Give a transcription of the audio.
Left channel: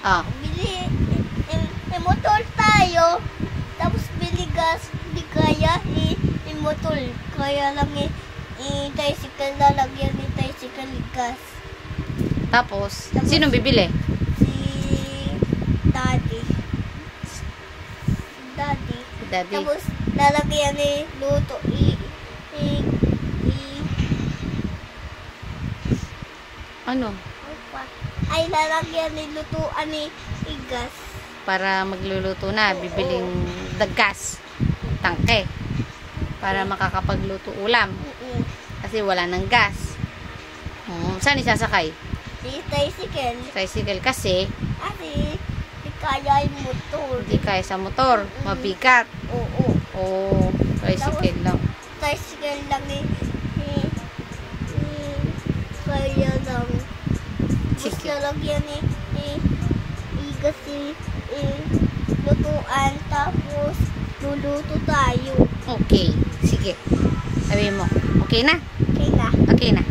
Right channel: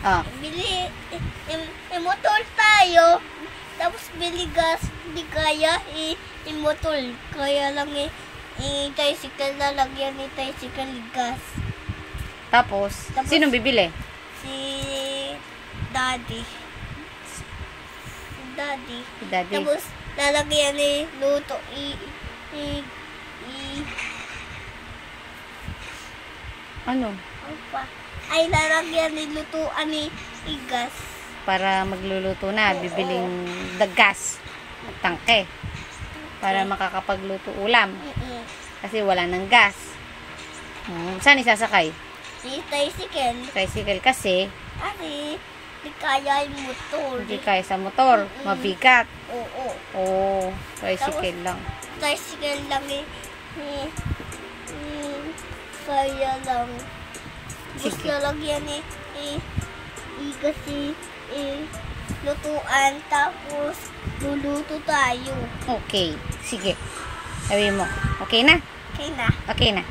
Ah. Bili, motor tayo. Tapos bili gas, di kaya motor. Kaya lang tricycle na lagyan ni tricycle gas. Tapos sino bibili? Si Daddy. Daddy. Tapos lalagyan ni luto Ano? ay lalagyan ni lutuan ni gas. Para magluluto na, bibiling gas, tangke. Para makakapagluto ulam. Kasi wala ng gas. Saan isasakay? Si tricycle. Tricycle kasi Di kaya yung motor. hindi kaya sa motor. Mabigat. Oo. Oo. Tricycle lang. Tricycle lang kaya lang. Sige. Gusto lang yan kasi lutuan tapos luluto tayo. Okay. Sige. Sabi mo. Okay na? Okay na. Okay na.